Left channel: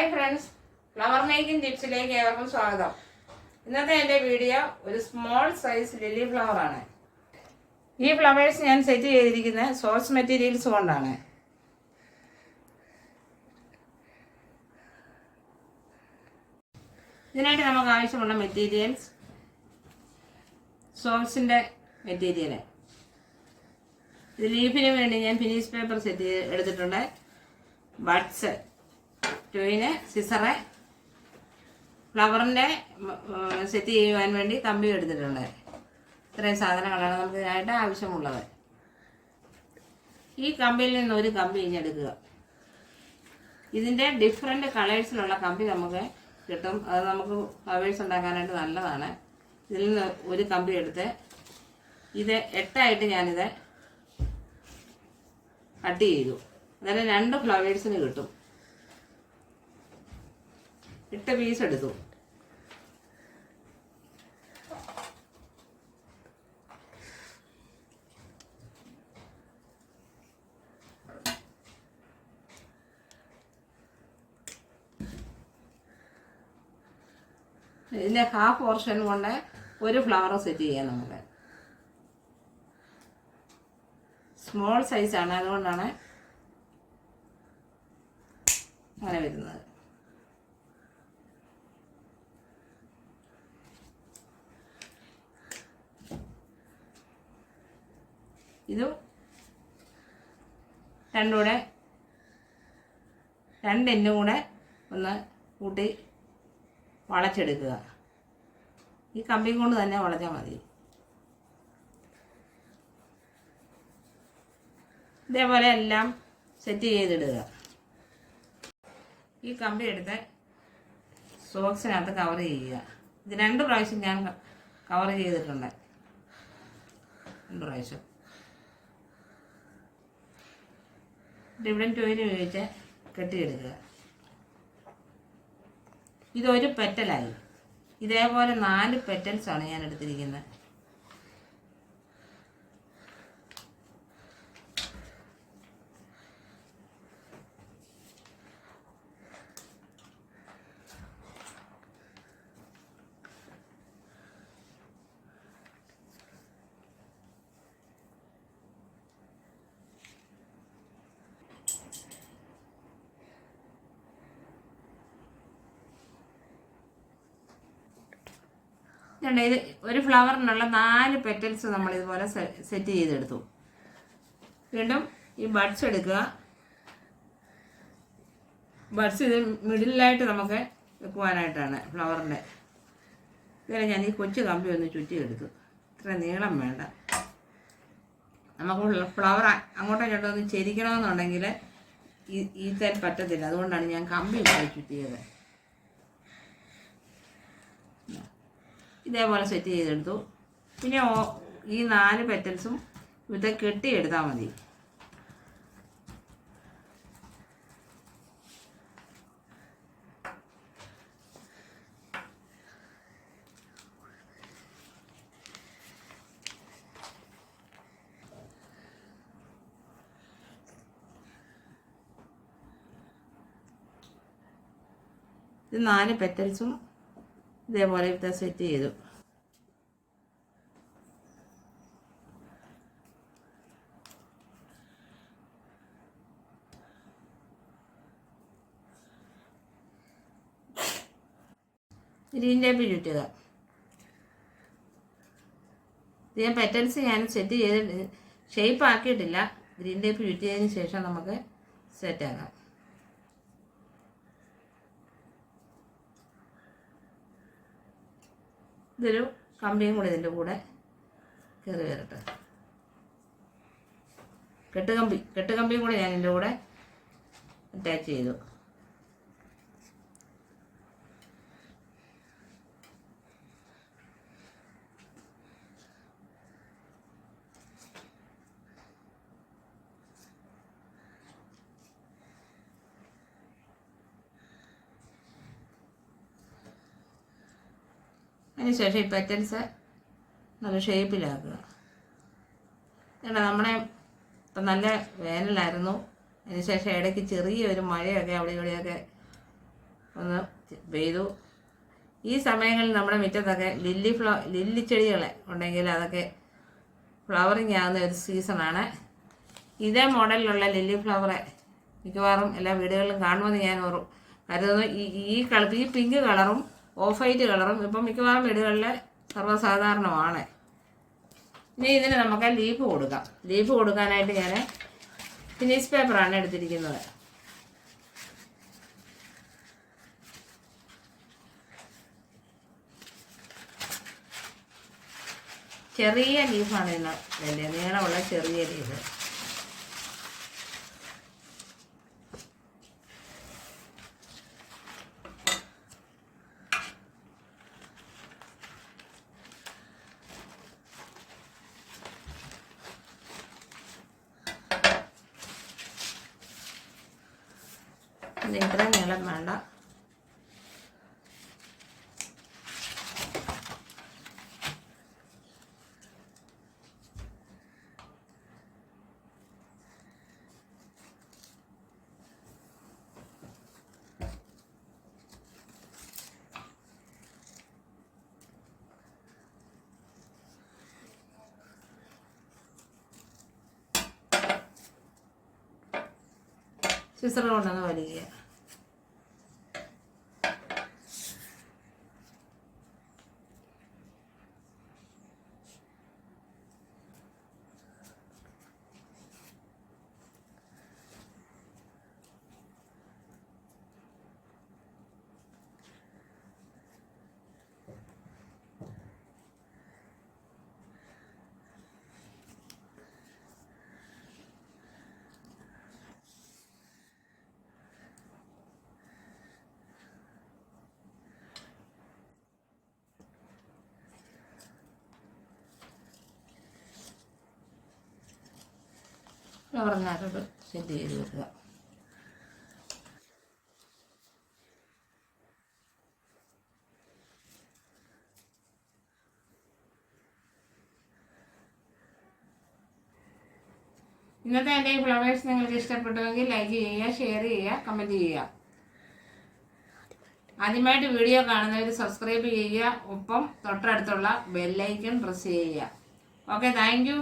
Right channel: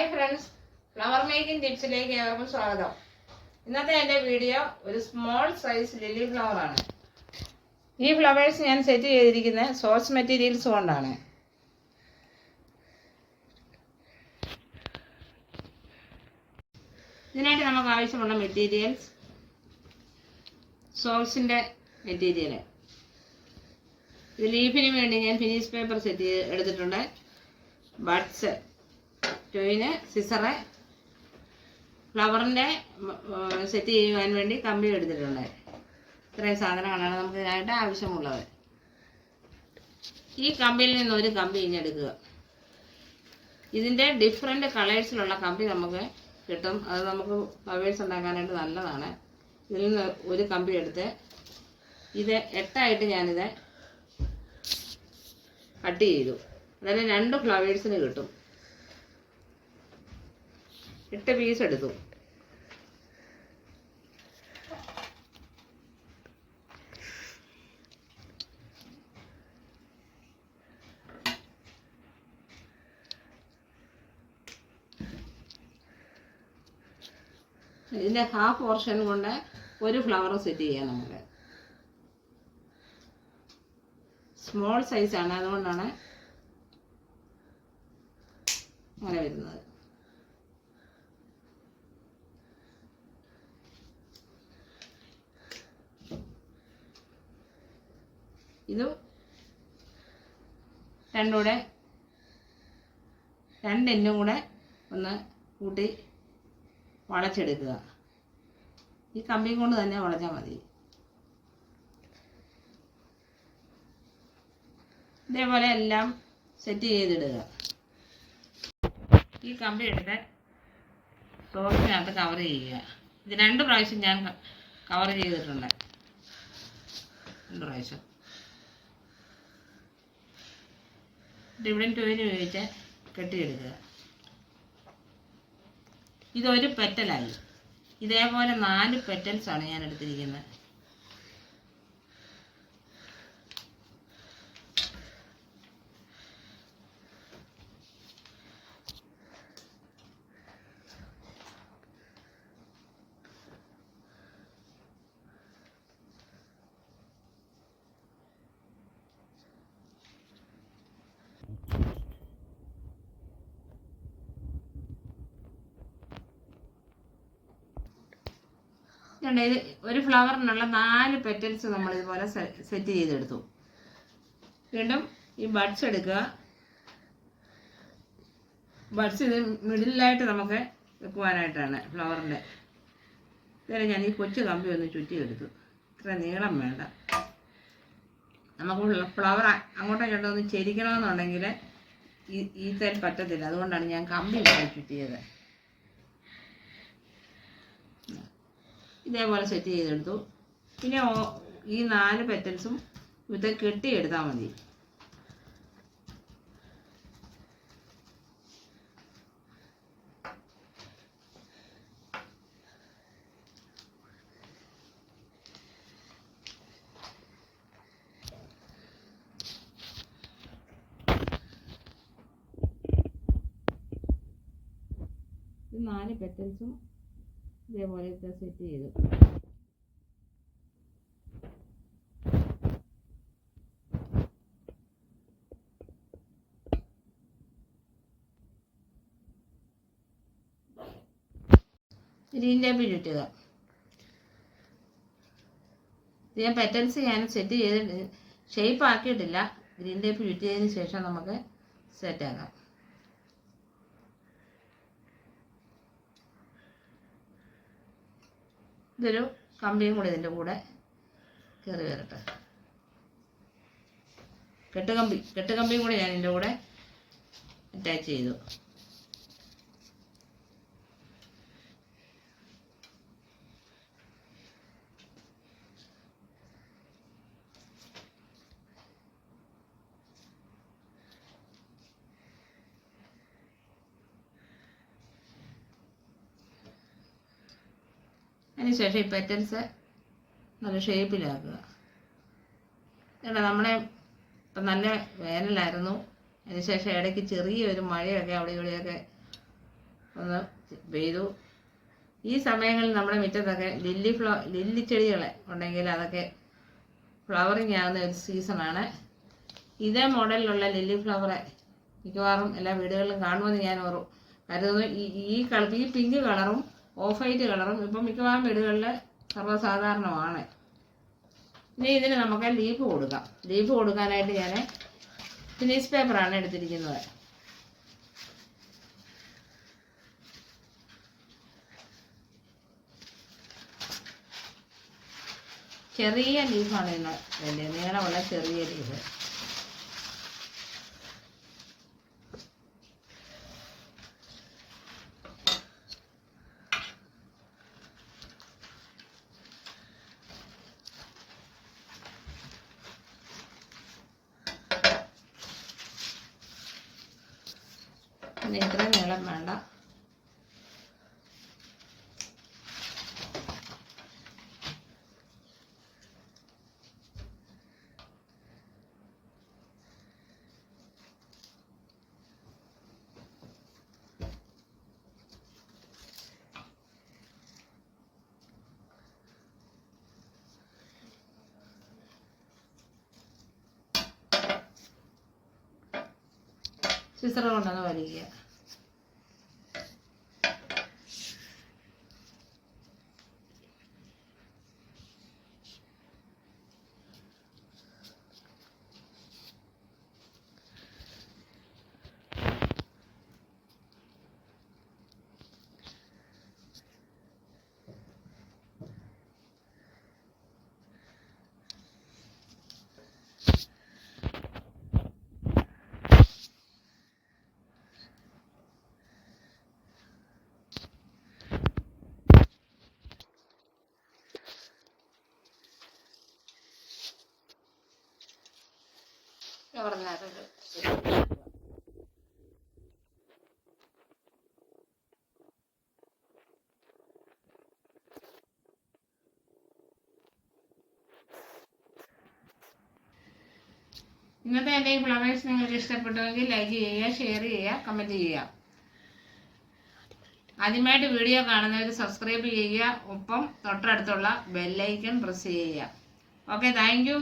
Hi friends, flower making ടിപ്സിലേക്ക് ഏവർക്കും സ്വാഗതം. ഇന്നത്തെ എൻ്റെ വീഡിയോ ഒരു സ്മോൾ സൈസ് ലില്ലി ഫ്ലവർ ആണ്. ഈ ഫ്ലവേഴ്സ് ഞാൻ സെറ്റ് ചെയ്തിരിക്കുന്നത് സോഴ്സ് മെറ്റീരിയൽസ് കൊണ്ടാണ്. ഇതിനായിട്ട് നമുക്ക് ആവശ്യമുള്ള മെറ്റീരിയൽസ് സോഴ്സിൻ്റെ മെറ്റീരിയൽ. ഇത് ലീഫിന് വേണ്ടി ഞാൻ ഫിനിഷ് പേപ്പർ സെറ്റ് ചെയ്ത് എടുത്തിട്ടുണ്ട്. ബഡ്സ്, ട്യൂന്, സിസറ്, ഫ്ലവറിൻ്റെ സെറ്റ് ചെയ്യുവാൻ വേണ്ടി കമ്പി എടുത്തിട്ടുണ്ട്. ഇത്രയും സാധനങ്ങളാണ് നമുക്ക് ഇതിനായിട്ട് ആവശ്യമുള്ളത്. ഈ കമ്പിയിൽ നിന്ന് ഒരു കമ്പി ഇഞ്ഞെടുക്കുക. ഇതിൻ്റെ ഡിഫറെൻ്റ് കളേഴ്സിലുള്ള കമ്പി നമുക്ക് കിട്ടും. അത് നമുക്ക് ഫ്ലവേഴ്സ് ഉണ്ടാക്കാനായിട്ട് നല്ലതാണ്. ഇതിൽ നിന്ന് ഒരു കമ്പി എടുത്ത് ഇത് 8 ഞാനിത് കട്ട് ചെയ്തു. അതായത് 2 ഫ്ലവേഴ്സിന് കിട്ടും. 8 പീസ് എടുത്തു. ഇതിൻ്റെ ഹാഫ് പോർഷൻ കൊണ്ട് ഒരു ഫ്ലവർ സെറ്റ് ചെയ്യാം. നമുക്ക് സ്മോൾ സൈസാണ്, അതുകൊണ്ടാണ് അങ്ങനെ വരുന്നത്. ഇതും 2 എന്നും കൂടെ ഒന്ന് കൂട്ടി വളച്ചെടുക്കുക. ഈ കമ്പി കൊണ്ട് തന്നെ വളച്ചാൽ മതി. ഇതേപോലെ എല്ലാം സെറ്റ് ചെയ്തിടുക. ഈ കമ്പി എടുത്ത് സോക്സിനകത്ത് കവർ ചെയ്യുക. ഇത് 2 പ്രാവശ്യം ഞാൻ കവർ ചെയ്തിട്ടുണ്ട്. 2 പ്രാവശ്യം ഡിവിഡൻ ടോയിന് ഉപയോഗിച്ച് കെട്ടിയെടുക്കുക. ഇതൊരു പെറ്റലായി. ഇതേപോലെ 4 പെറ്റൽസാണ് ഞാൻ എടുത്തിരിക്കുന്നത്. ഇത് ഒരു ഫ്ലവറിനുള്ള 4 പെറ്റൽസ് നമ്മൾ ഇതുപോലെ സെറ്റ് ചെയ്തെടുത്തു. വീണ്ടും ഈ ബഡ്സ് എടുക്കുക. ബഡ്സ് ഇത് മിഡിലായിട്ട് നമുക്ക് വെക്കുവാനായിട്ടാണ് ഫ്ലവറിൻ്റെ. ഇതുവരെ ഞാൻ ഈ കൊച്ചു കമ്പി ഒന്ന് ചുറ്റിയെടുത്തു. ഇത്ര നീളം വേണ്ട. നമുക്ക് ഫ്ലവർ അങ്ങോട്ടോ ഇങ്ങോട്ടോ ഒന്ന് ചെരിക്കണമെന്നുണ്ടെങ്കിൽ ഈ തേൻ പറ്റത്തില്ല. അതുകൊണ്ടാണ് ഞാൻ കമ്പി ചുറ്റിയത്. ഇതേപോലെ സെറ്റ് ചെയ്തെടുത്തു. പിന്നെ ഈ 4 പെറ്റൽസും ഇത് കെട്ടിയെടുത്താൽ മതി. ഇത് 4 പെറ്റൽസും ഇതേപോലെ ഇവിടെ സെറ്റ് ചെയ്തു. ഗ്രീൻ ടേപ്പ് ചുറ്റുക. ഇത് ഞാൻ പെറ്റൽസ് സെറ്റ് ചെയ്ത് ഷേപ്പ് ആക്കിയിട്ടില്ല. ഗ്രീൻ ടേപ്പ് ചുറ്റിയതിന് ശേഷം നമുക്ക് സെറ്റാക്കാം. ഇതൊരു കമ്പിയും കൂടി ഇതിൻ്റെ കൂടെ കയറി വരട്ടെ. കെട്ടുകമ്പിയും കൂടി ഞാൻ ഇതിൻ്റെ കൂടെ അറ്റാച്ച് ചെയ്തു. അതിനുശേഷം ഈ പെറ്റൽസ് നല്ല ഷേപ്പിലാക്കുക. നമ്മളെ ഇപ്പം നല്ല വേനലായിരുന്നു. അതിനുശേഷം ഇടയ്ക്ക് ചെറിയൊരു മഴയൊക്കെ അവിടെ ഇവിടെയൊക്കെ ഒന്ന് പെയ്തു. ഈ സമയങ്ങളിൽ നമ്മുടെ മുറ്റത്തൊക്കെ ലില്ലി ചെടികൾ ഉണ്ടെങ്കിൽ അതൊക്കെ ഫ്ലവറിങ് ആകുന്ന ഒരു സീസണാണ്. ഇതേ മോഡലിലുള്ള ലില്ലി ഫ്ലവർ മിക്കവാറും എല്ലാ വീടുകളിലും കാണുമെന്ന് ഞാൻ കരുതുന്നു. ഈ പിങ്ക് കളറും ഓഫ് വൈറ്റ് കളറും ഇപ്പം മിക്കവാറും വീടുകളിൽ സർവ്വസാധാരണമാണ്. ഇനി ഇതിന് നമുക്ക് ലീഫ് കൊടുക്കാം. ലീഫ് കൊടുക്കാനായിട്ട് ഞാൻ ഫിനിഷ് പേപ്പറാണ് എടുത്തിരിക്കുന്നത്. ചെറിയ ലീഫാണ് ഇന്ന് വേണ്ടത്, നീളമുള്ള ചെറിയ ലീഫ്. പിന്നെ ഇത്രയും നീളം വേണ്ട. സിസർ കൊണ്ടൊന്ന് വലിക്കുക. ഫ്ലവറിനകത്തോട്ട് സെറ്റ് ചെയ്തെടുക്കുക. ഇന്നത്തെ എൻ്റെ ഈ ഫ്ലവേഴ്സ് നിങ്ങൾക്ക് ഇഷ്ടപ്പെട്ടുവെങ്കിൽ ലൈക്ക് ചെയ്യുക, ഷെയർ ചെയ്യുക, കമൻറ്റ് ചെയ്യുക. ആദ്യമായിട്ട് വീഡിയോ കാണുന്നവർ സബ്സ്ക്രൈബ് ചെയ്യുക, ഒപ്പം തൊട്ടടുത്തുള്ള ബെല്ലൈക്കൺ പ്രസ് ചെയ്യുക. Okay, thank you.